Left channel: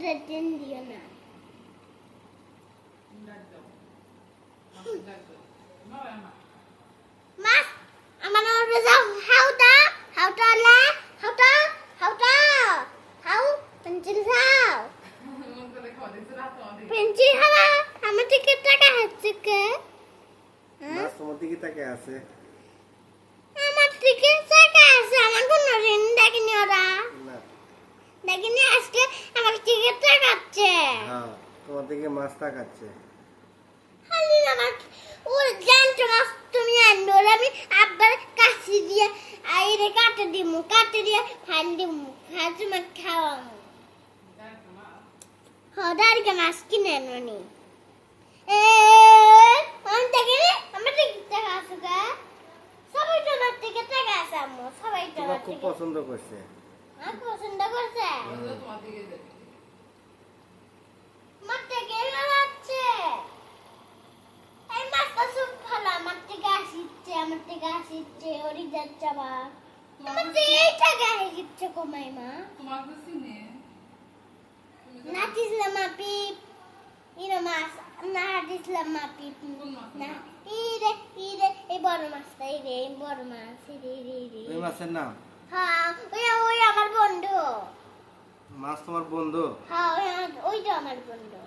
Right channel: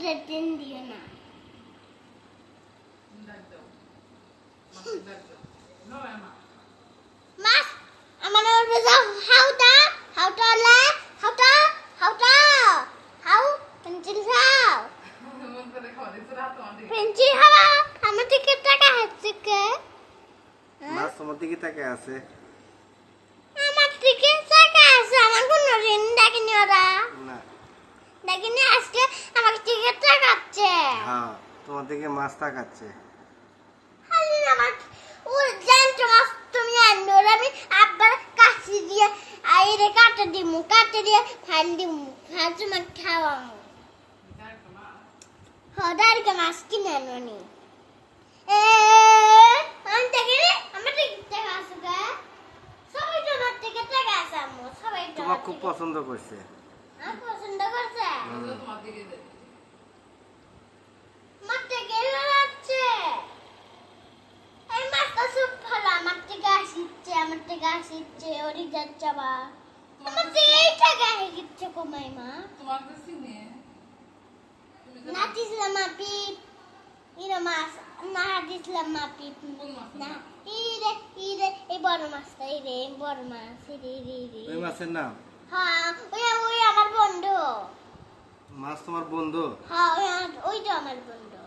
দিন দিও না মাছ আমার ওরে যাও হাউটা হাউটা লা হাউটা হাউটা হাউ পেন্সিল খাও পেন্সিল খাওয়া আমার থেকে টাকা হচ্ছে কে মাছ তোমার দিকে তাকে আছে আমার থেকে টাকা আছে আমার কোনো ঋণ ডাকিনি ওরা না ডাকিনি আজকে আমার থেকে টাকা আছে হ্যাঁ তোমার দিকে মাছ তাকাচ্ছে খালি আমার ও জানতো মাছ তুমি আনবে ওরা আমি আব্বার কাছে দিয়ে আইরে কাটে দিয়ে ফাইল দিমু খাওয়া তোমার খাওয়ামু হদারকে মাছ কিনে আনুনি আমি দেখিনি আমার থেকে টাকা আছে গা সবাই তোমার থেকে টাকা আছে আম্মু সবাই তোমার খুব পছন্দ করছে আমি পছন্দ করছে আমার থেকে লাগছে এই মাছটা খুব ভালো আমার থেকে আসিচ্ছে ওরি যাচ্ছে আবার আমার থেকে এই টাকা আসিচ্ছে কমাই মা নাচিছিলাম আপি ইরে মাছ না হাঁটিছিলাম আপি না ইরে এই বড় মাছটা ইরে বড় মাছ ইরে ওই মাছের নাম হ্যাঁ ওই আমার বন্ধু মাছ তোমার বন্ধু হ্যাঁ ওইটা আমার বন্ধু